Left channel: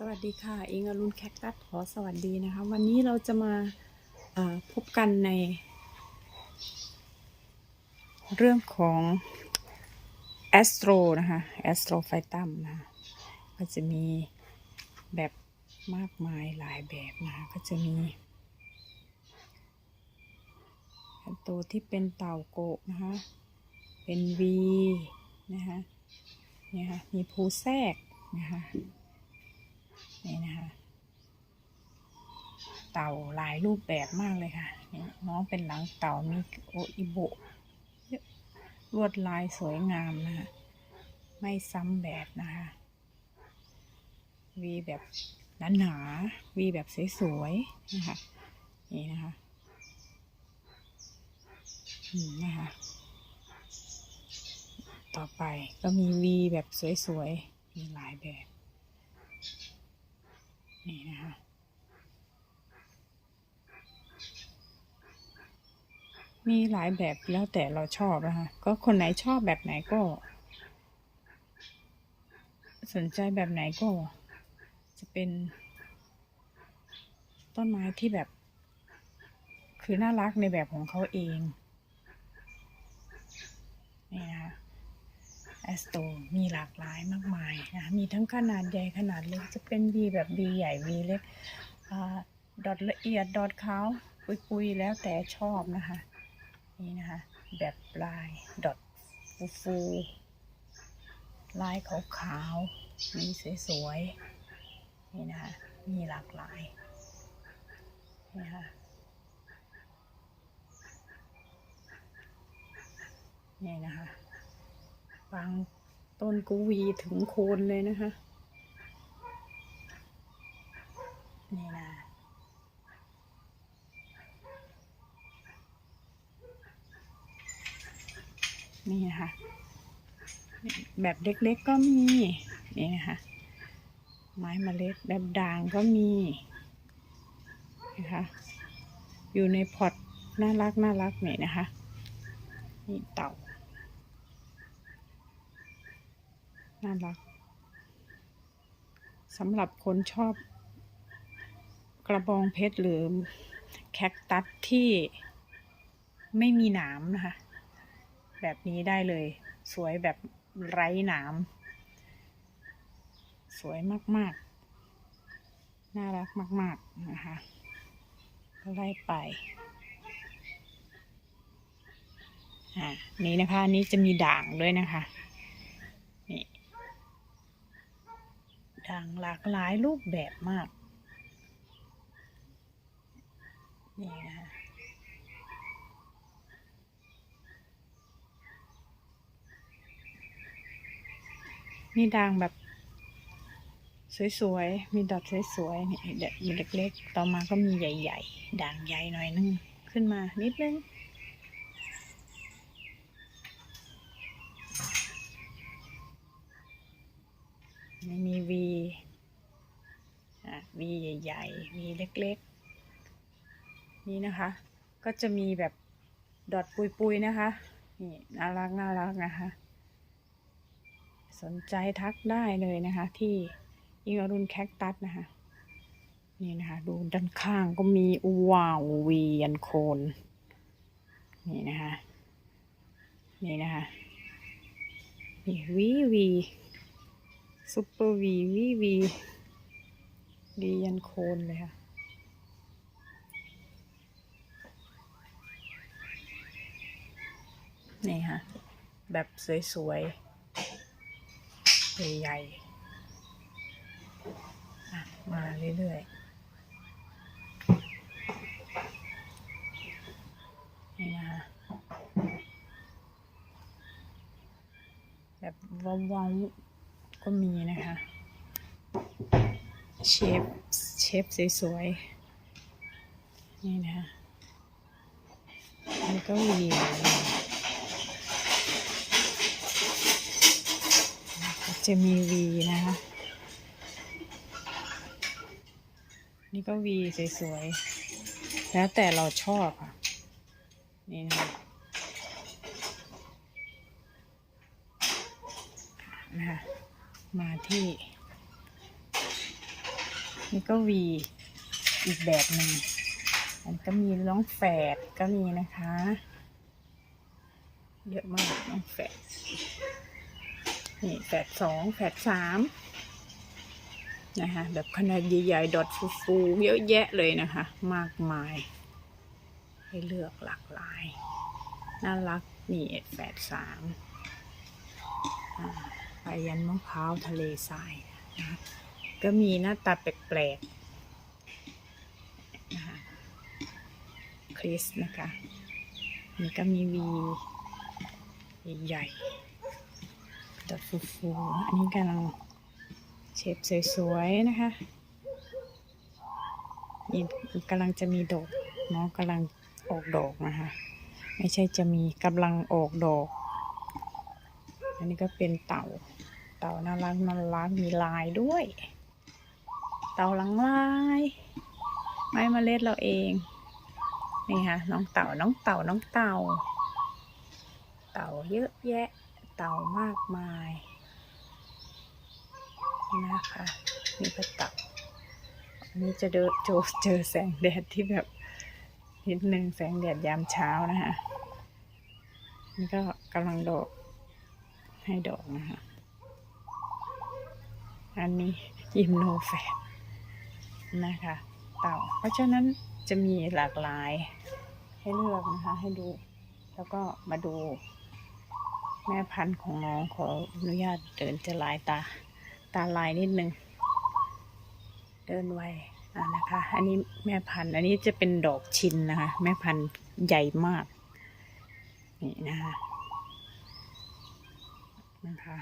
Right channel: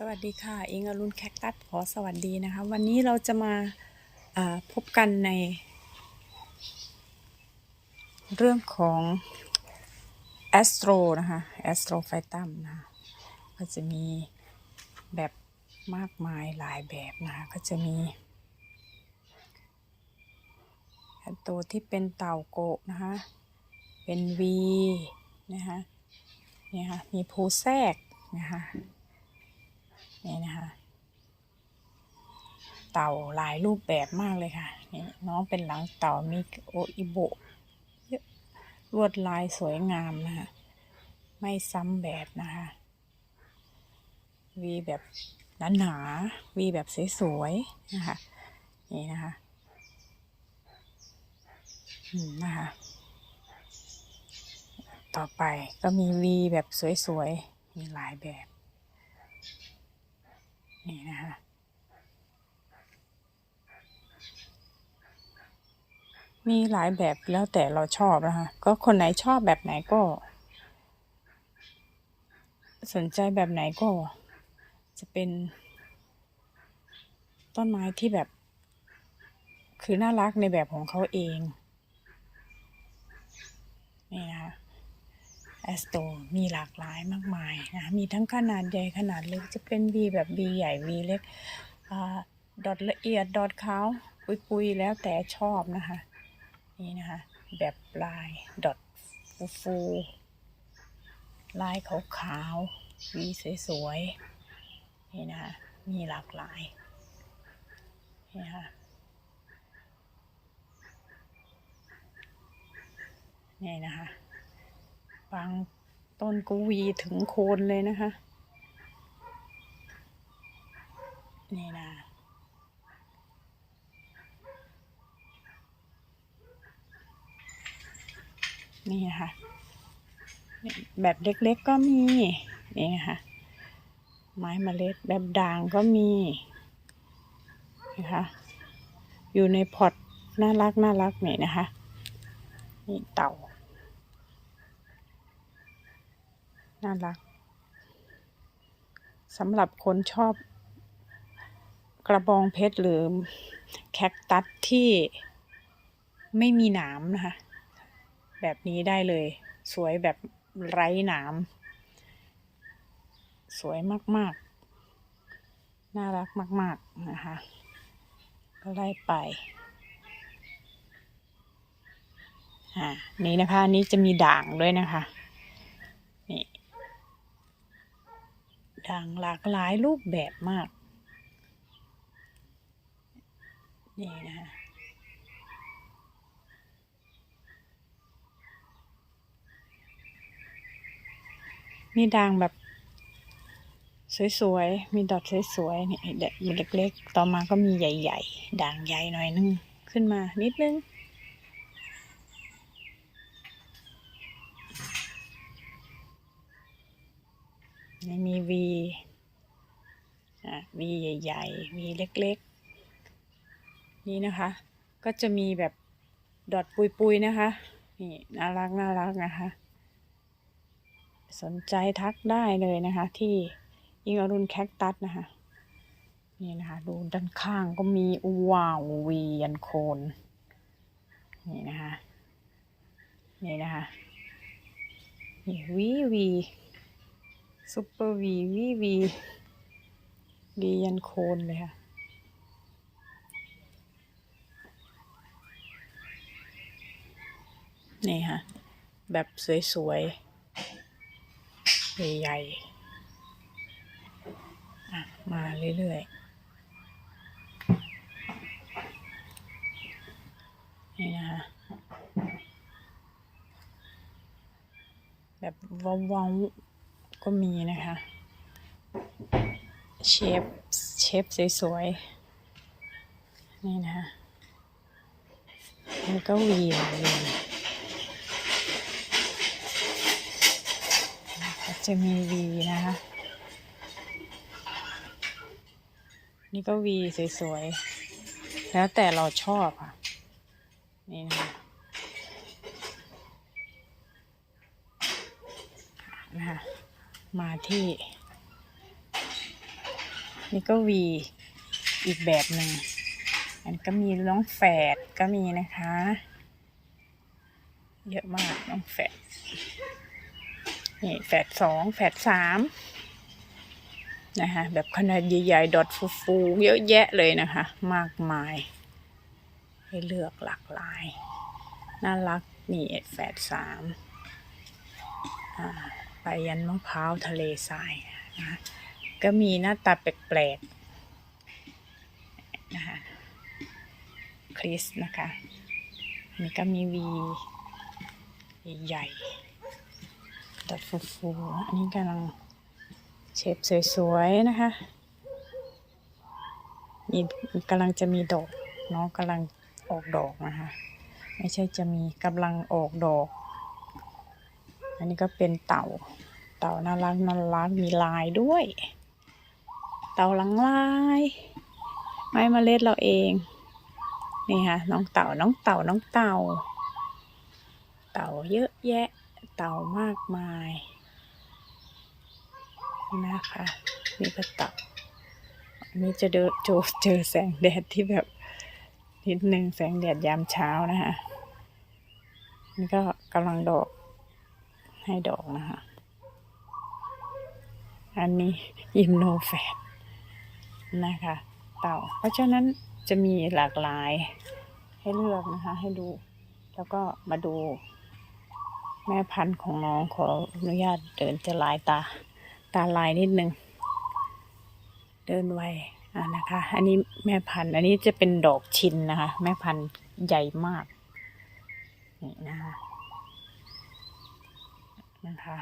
สวัสดีค่ะ อิงอรุณแคคตัสขอสวัสดีนะคะ วันนี้เราจะมาาพบกันใน เรื่องของแอสโตรนะคะแอสโตรไฟตัมนะคะก็จะมีแบบมากมายหลายแบบนะก็จะมีตัวที่เป็นเต่าโกะนะคะเป็น V นะคะเนี่ยค่ะมีภูแทรกนะคะ นี่นะคะ เต่าหลายรูปแบบมากเลยค่ะนี่น้องเป็นหลังเต่ามีโออิโบะเยอะลวดลายสวยงามนะคะ ไม่ซ้ำแบบนะคะ วีแบบหนาๆวีแบบสวยๆนะคะ นี่นะคะอืมนะคะ ต่อไปก็มีวีแบบสวยๆ มีหลายแบบ นี่นะคะมีหลายแบบแล้วแต่เราชอบนะคะ ก็คนไหนชอบแบบไหนก็ สนใจแบบไหนก็ จะเป็น ต้นไม้ที่แบบ คือน่ารักในแบบของเขาเอง นี่นะคะ แอสโตมีหลากหลายมากมายนะคะมีทั้งขนาดใหญ่ขนาดเล็กจะเป็น V แบบ V ใหญ่ V เล็กอดอทละเอียดดอทขาวปุยๆ แล้วแต่ชอบนะคะ นี่นะคะ แบบลายดอทฟูๆลายขาวขาวๆ V สวยๆ นี่นะคะ มีหลากหลาย นี่นะคะนี่นะคะ บางต้นก็วีถึงโคนเลยนะคะ นี่นะนี่นะคะแบบเล็กๆก็มี นี่นะคะ ไม้เมล็ดแบบด่างก็มีนะคะอยู่ในพอตน่ารักน่ารักนี่นะคะ นี่เต่า น่ารักสำหรับคนชอบกระบองเพชรหรือแคคตัสที่ไม่มีหนามนะคะ แบบนี้ได้เลย สวยแบบไร้หนาม สวยมาก ๆ น่ารักมาก ๆ นะคะ ก็ไล่ไป อ่า นี่นะคะ อันนี้จะมีด่างด้วยนะคะ นี่ ด่างหลากหลายรูปแบบมาก นี่นะมีด่างแบบสวยๆ มีดอกสวยๆนี่เด็กเล็กๆ ต่อมาก็มีใหญ่ ๆ ด่างใหญ่หน่อยนึง ขึ้นมานิดนึง นี่มีวีอะวีใหญ่ๆวีเล็กๆ นี่นะคะ ก็จะมีแบบดอทปุยๆนะคะ นี่น่ารักน่ารักนะคะ สนใจทักได้เลยนะคะ ที่อิงอรุณแคคตัสนะคะ นี่นะคะ ดูด้านข้างก็มีว้าววียันโคน นี่นะคะ นี่นะคะ นี่วีวี ซุปเปอร์วีวีวีดียันโคนเลยค่ะ นี่ค่ะ แบบสวยๆ ใหญ่ๆ มาเรื่อยๆนี่นะคะแบบว้าวๆ ก็มีนะคะ เชฟ เชฟสวยๆ นี่นะคะมันก็วีเหมือนกันก็จะมีวีนะคะ นี่ก็วีสวยๆ แล้วแต่เราชอบค่ะ นี่นะคะนะคะ มาที่ นี่ก็วีอีกแบบหนึ่งอันก็มีน้องแฝดก็มีนะคะ เยอะมากน้องแฝดนี่แฝดสองแฝดสามนะคะแบบขนาดใหญ่ๆ ดอทฟูๆเยอะแยะเลยนะคะ มากมาย ให้เลือกหลากหลาย น่ารักนี่แฝดสามอ่า ยันมะพร้าวทะเลทรายนะคะก็มีหน้าตาแปลกๆนะคะคริสนะคะอันนี้ก็มีวีใหญ่ๆดอทฟูๆอันนี้กำลังเชฟสวยๆนะคะมีกำลังจะมีดอกเนาะกำลังออกดอกนะคะ ไม่ใช่จะมีกำลังออกดอก อันนี้ก็เป็นเต่า เต่าน่ารักน่ารักมีลายด้วย เต่าหลังลาย ไม้เมล็ดเราเอง นี่ค่ะน้องเต่าน้องเต่าน้องเต่า เต่าเยอะแยะ เต่ามากมายนะคะนี่ก็เต่าอันนี้จะเจอเจอเจอแสงแดดที่แบบนิดนึงแสงแดดยามเช้านะคะนี่ก็กำลังดอก ให้ดอกนะคะ อันนี้ยิมโนแฟนนะคะ เต่า เพราะฉะนั้นจะมีหลากหลายให้เลือกนะคะ ให้ดู แล้วก็มาดู แม่พันธุ์ของน้องขออนุญาตเดินจะลายตา ตาลายนิดนึง เดินไวนะคะ อันนี้แม่พันธุ์ อันนี้จะเป็นดอกชินนะคะ แม่พันธุ์ใหญ่มาก นี่นะคะ นะคะ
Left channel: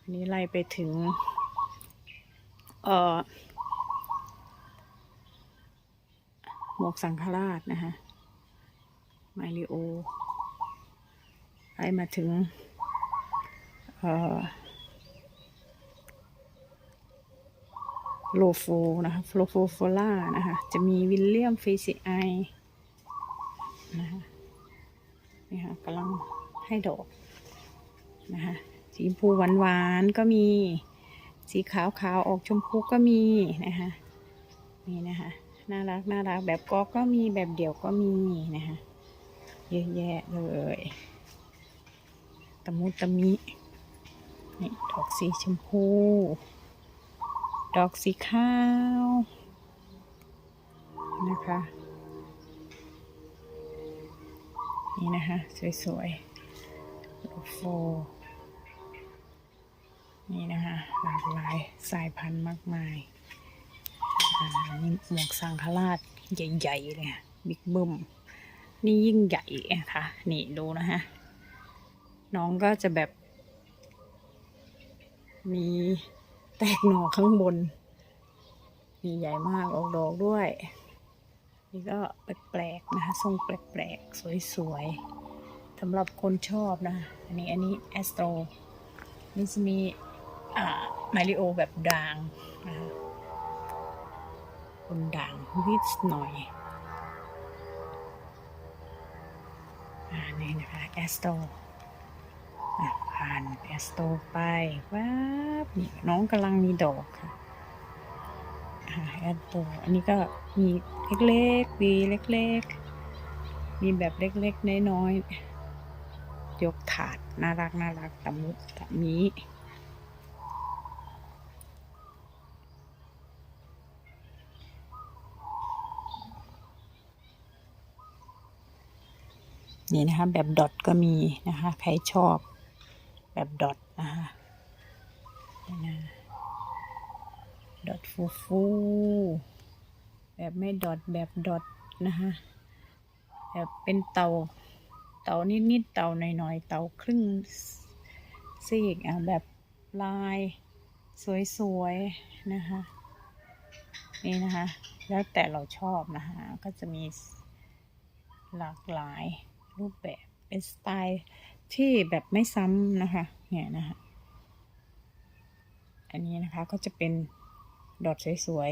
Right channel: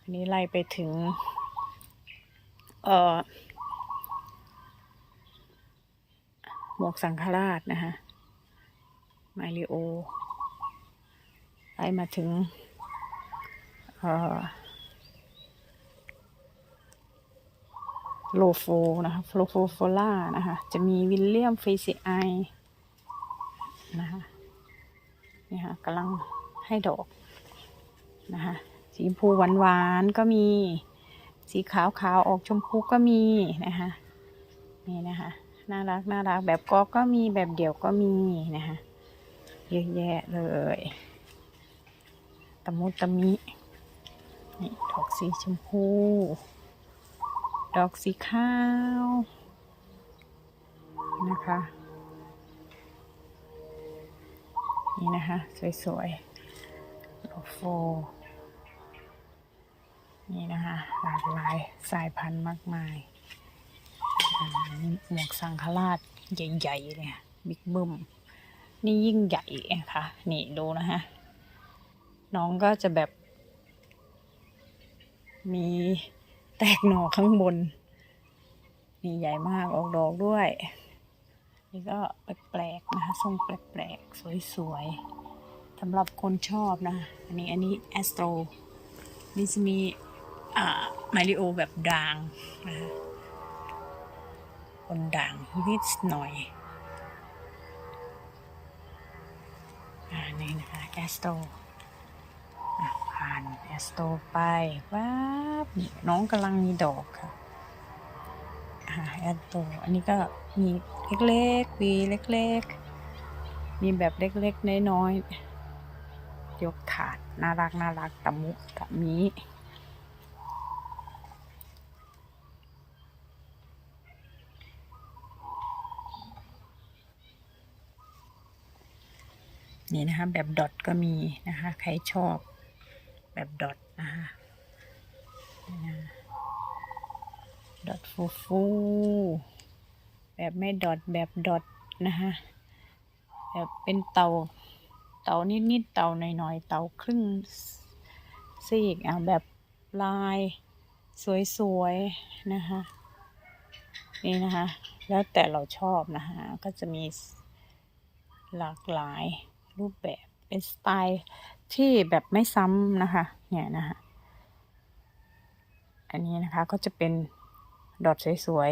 อันนี้ไล่ไปถึง เอ่อ หมวกสังฆราชนะคะมาริโอไล่มาถึง เอ่อโลโฟนะคะโลโฟโฟล่านะคะ จะมีวิลเลียมเฟซิไอนะคะนี่ค่ะกำลังให้ดอก นะคะสีชมพูหวานๆก็มีสีขาวขาวๆออกชมพูก็มีนะคะนี่นะคะน่ารักน่ารักแบบกอก็มีแบบเดี่ยวก็มีนะคะเยอะแยะเลยตะมุตะมินี่ดอกสีชมพู ดอกสีขาวนะคะนี่นะคะ สวยๆโลโฟ นี่นะคะหลากหลายสายพันธุ์มากมายนี่หมวกสังฆราชใหญ่ๆเลยค่ะบิ๊กบึ้มนี่ยิ่งใหญ่นะคะนี่ดูนะฮะ น้องก็จะแบบ มีแตกหน่อข้างบนมีใหญ่มากออกดอกด้วย นี่ก็แปลกๆนะคะ ทรงแปลกๆ สวยๆสำหรับคนชอบนะ อันนี้อันนี้แอสโตรนี่จะมี มาริโอแบบด่างนะคะคนด่างนิดหน่อยอ่านี่นะคะแอสโตผ่านแอสโตไปว้าบนี่น้องกำลังมีดอกค่ะแอสโตอันนี้ก็มีเล็กๆวีเล็กๆ มีแบบเล็กๆ น้อยๆ ยกถาด น่ารักน่ารักตะมุตะมิ นี่นะคะ แบบดอทก็มีนะคะ ใครชอบแบบดอทนะคะดอทฟูฟูแบบไม่ดอทแบบดอทนะคะแบบเป็นเตาเตานิดๆเตาหน่อยๆเตาครึ่งซีกอะแบบลายสวยๆนะคะนี่นะคะ แล้วแต่เราชอบนะคะ ก็จะมีหลากหลาย รูปแบบเป็นสไตล์ที่แบบไม่ซ้ำนะคะ เนี่ยนะคะ อันนี้นะคะก็จะเป็นดอทสวย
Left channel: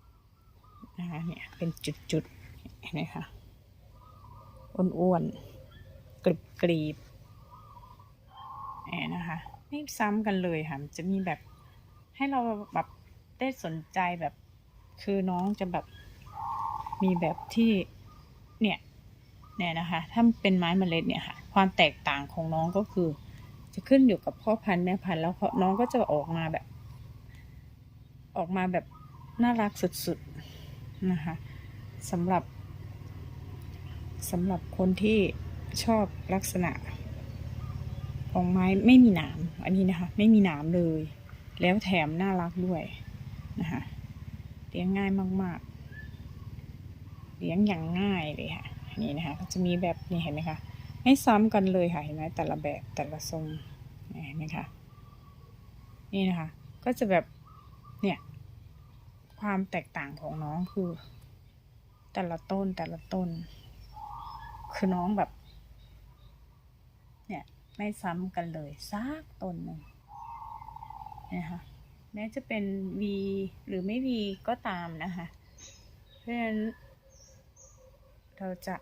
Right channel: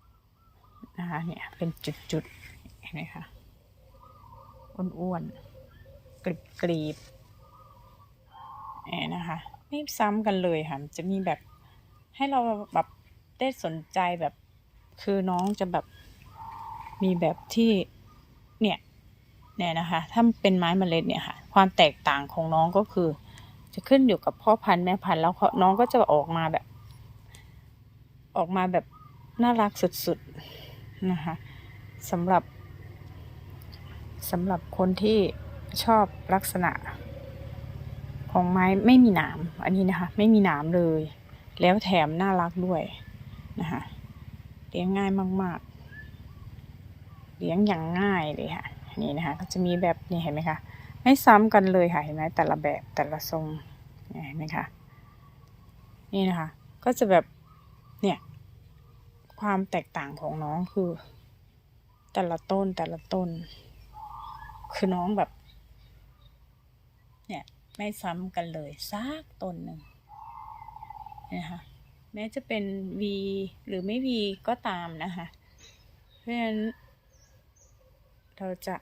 ๆนะคะเนี่ยเป็นจุดๆเห็นไหมคะอ้วนๆกรีบๆเนี่ยนะคะไม่ซ้ำกันเลยค่ะจะมีแบบให้เราแบบได้สนใจแบบคือน้องจะแบบมีแบบที่เนี่ย เนี่ยนะคะ ถ้าเป็นไม้เมล็ดเนี่ยค่ะ ความแตกต่างของน้องก็คือ จะขึ้นอยู่กับพ่อพันธุ์แม่พันธุ์แล้วน้องก็จะออกมาแบบ ออกมาแบบน่ารักสุดๆนะคะสำหรับสำหรับคนที่ชอบลักษณะ ของไม้ไม่มีหนามอันนี้นะคะ ไม่มีหนามเลย แล้วแถมน่ารักด้วยนะคะเลี้ยงง่ายมาก ๆ เลี้ยงอย่างง่ายเลยค่ะ นี่นะคะ ก็จะมีแบบนี่เห็นไหมคะ ไม่ซ้ำกันเลยค่ะเห็นไหมแต่ละแบบแต่ละทรงเห็นไหมคะนี่นะคะ ก็จะแบบเนี่ยความแตกต่างของน้องคือ แต่ละต้นแต่ละต้น คือน้องแบบ เนี่ยไม่ซ้ำกันเลยสักต้นหนึ่งนะคะแม้จะเป็น V หรือไม่ V ก็ตามนะคะ เพราะฉะนั้น เราจะ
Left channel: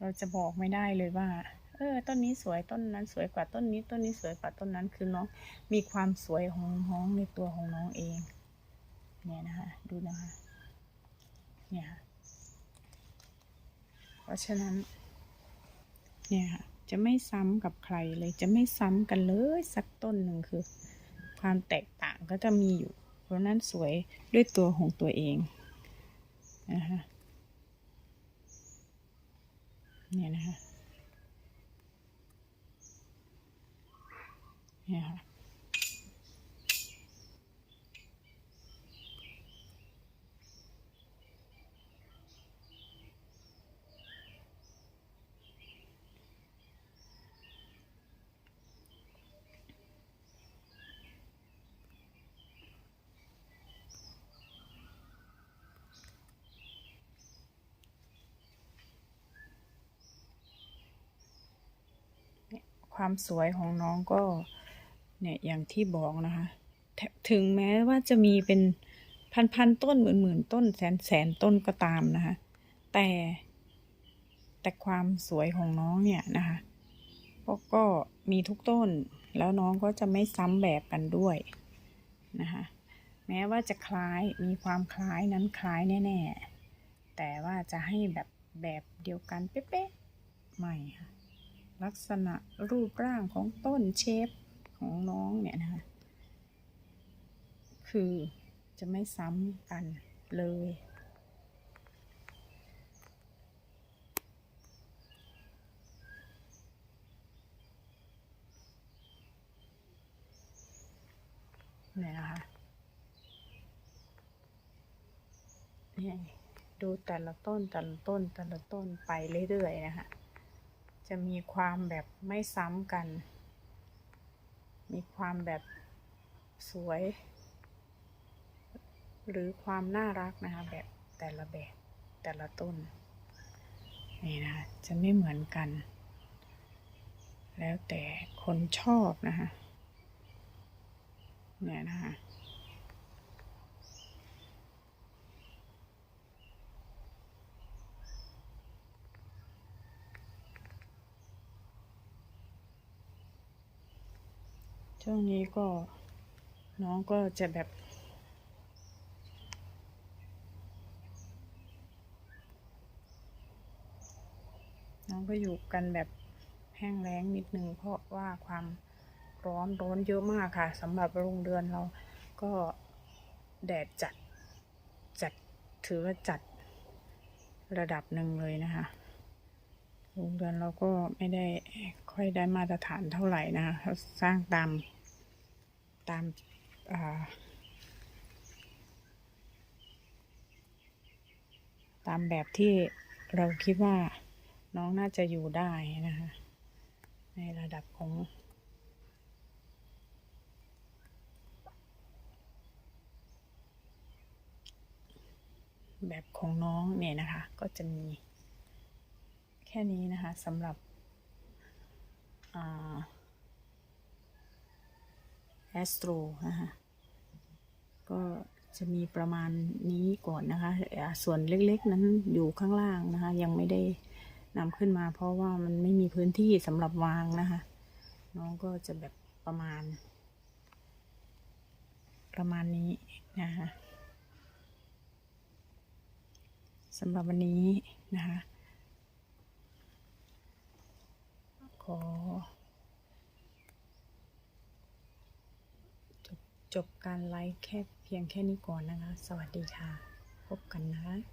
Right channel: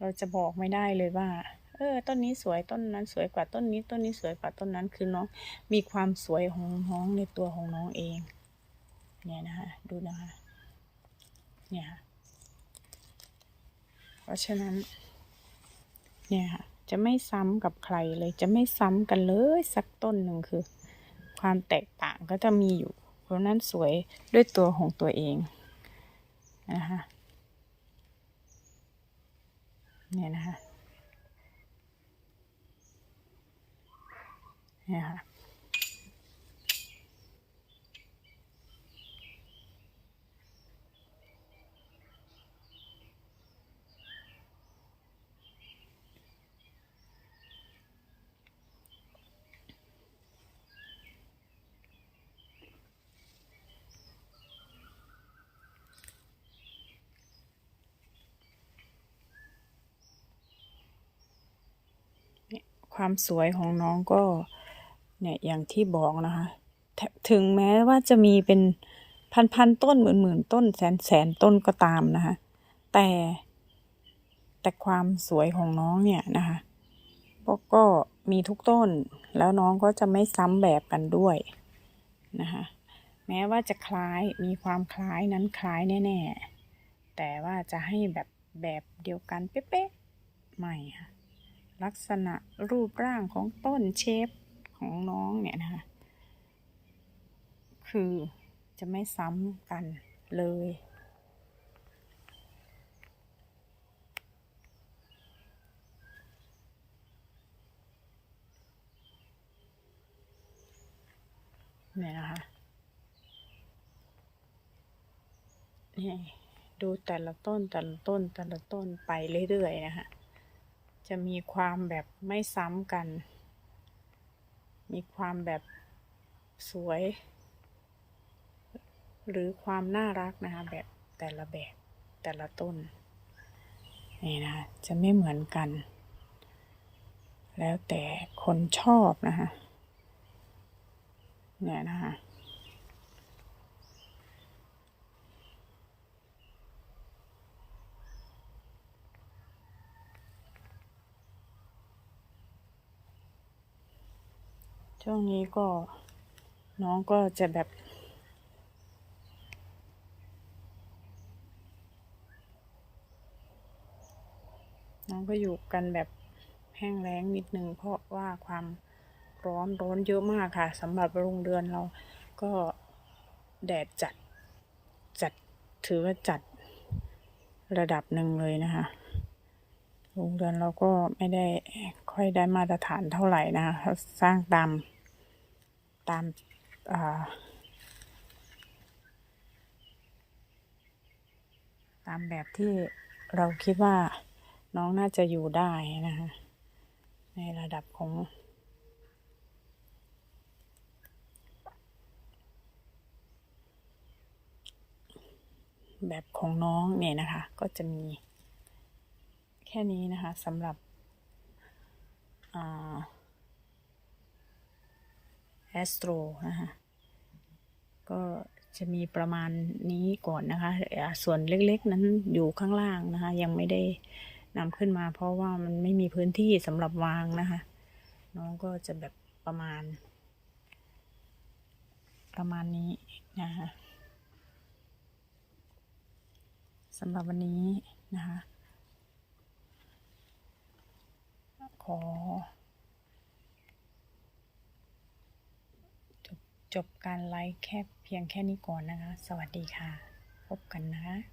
เราจะบอกไม่ได้เลยว่า เออ ต้นนี้สวยต้นนั้น สวยกว่าต้นนี้ ต้นนี้สวยกว่าต้นนั้น คือน้องมีความสวยของน้องในตัวของน้องเอง เนี่ยนะคะดูนะคะ เนี่ยเพราะฉะนั้น เนี่ยค่ะจะไม่ซ้ำกับใครเลยจะไม่ซ้ำกันเลยสักต้นหนึ่งคือ ความแตกต่างก็จะมีอยู่ เพราะนั้นสวยด้วยตัวของตัวเอง นะคะเนี่ยนะคะเนี่ยค่ะ ความสวยของน้องก็เนี่ยอย่างที่บอกนะคะ ถึงแม้ว่าจะมีเป็นพันพันๆต้นหมื่นหมื่นๆต้นแสนแสนต้นก็ตามนะคะ แต่แต่ความสวยของน้องเนี่ยนะคะก็ก็มีทุกต้นแล้วน้องก็จะไม่ซ้ำแบบกันด้วยนะคะแม้ว่าจะคล้ายมีความคล้ายนั้นคล้ายแน่ ๆ แต่ว่าจะให้แบบแบบเดียวกันเป๊ะๆไม่ค่ะ ลักษณะรูปร่างของต้นเชฟของน้องเนี่ยนะคะ คือจะไม่ซ้ำกันเลย เนี่ยนะคะนี่ดูแต่ละต้นแต่ละต้นแต่ละต้นไปเรื่อยๆนะคะ จะมีความแบบไม่ซ้ำกัน มีความแบบสวย หรือความน่ารักนะคะแบบแต่ละแบบแต่ละต้น นี่นะจะไม่เหมือนกัน แล้วแต่คนชอบนะคะเนี่ยนะคะ ช่วงนี้ก็น้องก็จะแบบ น้องก็อยู่กันแบบแห้งแล้งนิดนึงเพราะว่าความร้อนร้อนเยอะมากค่ะสำหรับโรงเรือนเราก็แดดจัดจัดถือว่าจัดระดับหนึ่งเลยนะคะโรงเรือนเราก็ไม่ได้ค่อยได้มาตรฐานเท่าไหร่นะคะเขาสร้างตาม ตามาตามแบบที่เราคิดว่าน้องน่าจะอยู่ได้นะคะในระดับของแบบของน้องเนี่ยนะคะ ก็จะมีแค่นี้นะคะสำหรับ แอสโตรนะคะก็จะมีประมาณนี้ก่อนนะคะ ส่วนเล็กๆนั้นอยู่ข้างล่างนะคะ ยังไม่ได้นำขึ้นมา เพราะว่ามันไม่มีพื้นที่สำหรับวางนะคะ น้องก็จะแบบประมาณ ประมาณนี้นะคะสำหรับวันนี้นะคะ ขอ จบ จบการไลฟ์แค่เพียงแค่นี้ก่อนนะคะ สวัสดีค่ะ พบกันนะคะ